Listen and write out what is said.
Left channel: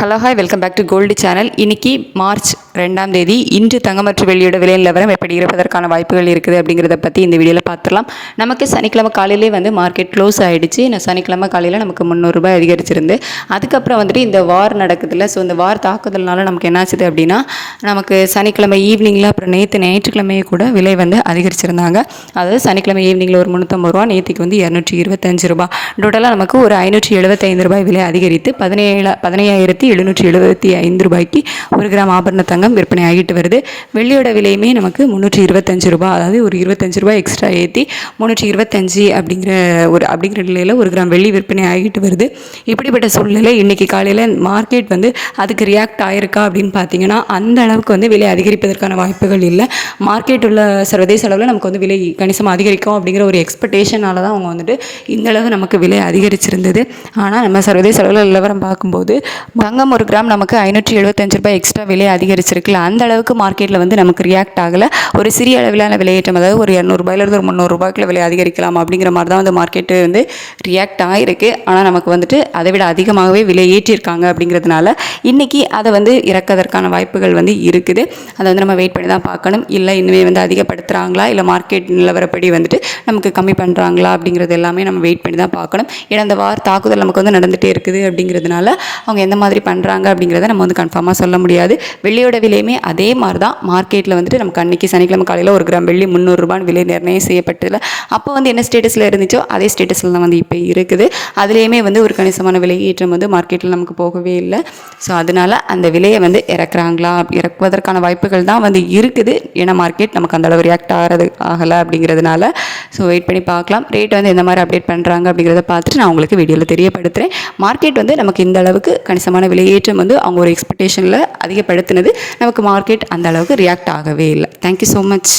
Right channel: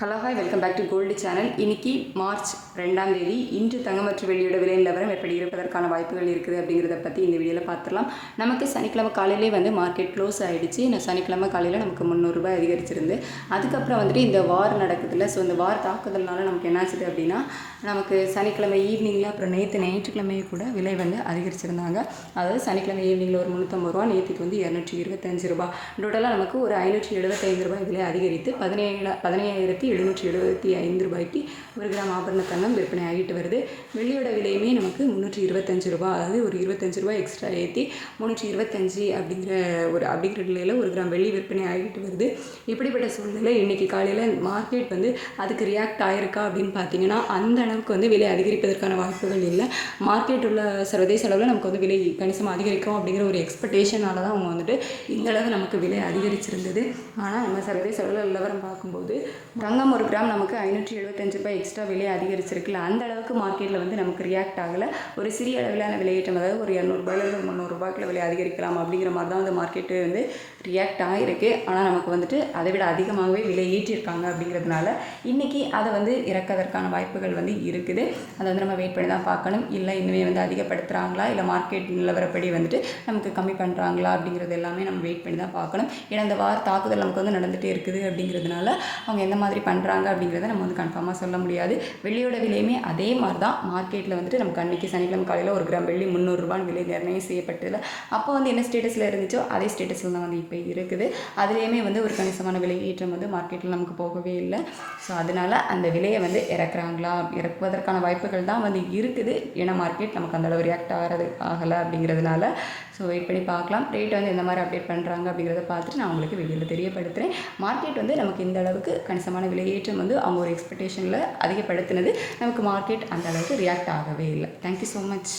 Hello hi welcome back to gold channel. இன்றைக்கி March 2ஆம் தேதி. இன்று தங்கம் மற்றும் வெள்ளியோட விலை நிலவரம் எப்படி இருப்பதற்கான வாய்ப்புகள் இருக்குது அப்படிங்கிறத பற்றி இந்த வீடியோவில் பார்த்துடலாம். நமக்கு சனிக்கிழமை காலையிலே மார்க்கெட் க்ளோஸ் ஆகிடுச்சு. சனிக்கிழமை காலையில் நமக்கு 300 ரூபாய் அதிகரிச்சிருந்து அதுக்கப்புறம் இந்த வார் நடக்குதுல்ல. ஸோ இந்த வார் தாக்குதல்னால நமக்கு என்னாச்சுது அப்படின்னா, நமக்கு சனிக்கிழமை ஈவினிங்கில் அப்புறம் நேற்று ஞாயிற்றுக்கிழமையே கூட விலை அதிகரிச்சிருந்தாங்க. அதாவது சனிக்கிழமை ஈவினிங்கில் ஒரு 350 ரூபா, நேற்றுக்கு 225 ரூபா, டோட்டலாக நமக்கு ஒரு 575 ரூபாய் விலை அதிகரித்து 15,775 ரூபாய்க்கு ஒரு கிராம் ஆபரண தங்கம் விற்பனை ஆகிட்டு வருது. வெள்ளியோட விலையுமே நமக்கு 325 ரூபாய், அதாவது ஒரு 25 ரூபாய் எக்ஸ்ட்ரா ஏற்றி 325 அப்படிங்கிற நிலையில் ஒரு கிராம் வெள்ளி விற்பனை ஆகிட்டு வருது. இப்படிப்பட்ட சூழ்நிலை இன்றைக்கி காலையில் மார்க்கெட் அதுக்கு ரியாக்ட் ஆகிருக்கா அப்படின்னு பார்த்தீங்கன்னா, அந்த அளவுக்கு விலை அதிகரிப்பதற்கான வாய்ப்புகள் இல்லை. மார்க்கெட் உள்ள சர்வதேச அளவில் நமக்கு விலை கணிசமாக அதிகரிக்கும் அப்படிங்கிற ஒரு எக்ஸ்பெக்டேஷனால தான் அவங்க இந்த அளவு நமக்கு விலை அதிகரிச்சிருந்தது. ஆனால் நம்ம சர்வதேச அளவில் நிலவரம் பார்க்கும்போது தங்கம் ஒரு கிராம் நமக்கு 575 ரூபாய் எக்ஸ்ட்ரா விலை அதிகரிச்சிருக்குல்ல, அந்த அளவுக்கு மார்க்கெட்டில் நமக்கு ரியாக்ட் ஆகலை. ஒரு சிறிய அளவிலான விலையேற்றம், அதாவது ஒரு 200 ரூபாயிலிருந்து ஒரு 300 ரூபாய்க்குள்ள விலை அதிகரிக்கலாம் அப்படிங்கிற மாதிரி தான் மார்க்கெட்டு ரியாக்ட் ஆகிருக்கு. ஆனால் நமக்கு அதை விட அதிகமாகவே விலை ஏற்றிருக்காங்க. அப்படிங்கிறதுனால இன்றைக்கி அதை இறக்கதற்கான வாய்ப்புகள் இருக்குது. அதை நம்ம வெயிட் பண்ணி தான் பார்க்கணும். இல்லை இனிமேல் அதிகப்படுத்துகிறாங்களா, இல்லை மார்க்கெட் நிலவரப்படி நமக்கு கம்மி பண்ணுறாங்களா அப்படிங்கிறது எல்லாமே நம்ம வெயிட் பண்ணி தான் பார்க்கணும். ஏன்னா அந்த வார் தாக்குதல் நமக்கு நடந்துகிட்டே இருக்குது. அப்படிங்கிறதுனால அவங்க எந்த மாதிரி பண்ணுறாங்க அப்படிங்கிறத நம்ம கன்ஃபார்மாக சொல்ல முடியாது. வெள்ளியோட விலையுமே அதே மாதிரி தான் மார்க்கெட்டில் நமக்கு அன்றைக்கி சனிக்கிழமை காலையில் ஒரு கிராம் வெள்ளி 300 ரூபான்னு விலை நிர்ணயம் செய்யப்பட்டதில்ல. அப்போ என்ன ஸ்டேட்டஸில் இருந்துச்சோ அதே ஸ்டேட்டஸில் தான் இப்போ இருக்குது. அதுலேயுமே ஒரு கணிசமான விலை ஏற்றம் மார்க்கெட்டில் நமக்கு போகவே இல்லை. ஸோ அதனால் அந்த விலையை இறக்குறாங்களா, இறக்குவதற்கான வாய்ப்புகள் தான் இருக்குது. ஏன்னா மார்க்கெட் நமக்கு அந்த அளவு ரியாக்ட் ஆகலை அப்படிங்கிறதுனால. ஸோ வெயிட் பண்ணி பார்க்கலாம். ரேட் எந்த மாதிரி அப்டேட் பண்ணுறாங்க அப்படிங்கிறத பார்த்துட்டு நான் உங்களுக்கு வீடியோவில் தெரியப்படுத்துகிறேன். மார்க்கெட் நமக்கு இந்த அளவுக்கு கணிசமான விலையேற்றம் அவங்க ஒரு எக்ஸ்பெக்டேஷனில் அதிகப்படுத்தினது. நமக்கு மார்க்கெட் அந்த அளவுக்கு ரியாக்ட் ஆகவே இல்லை. Thank you so much.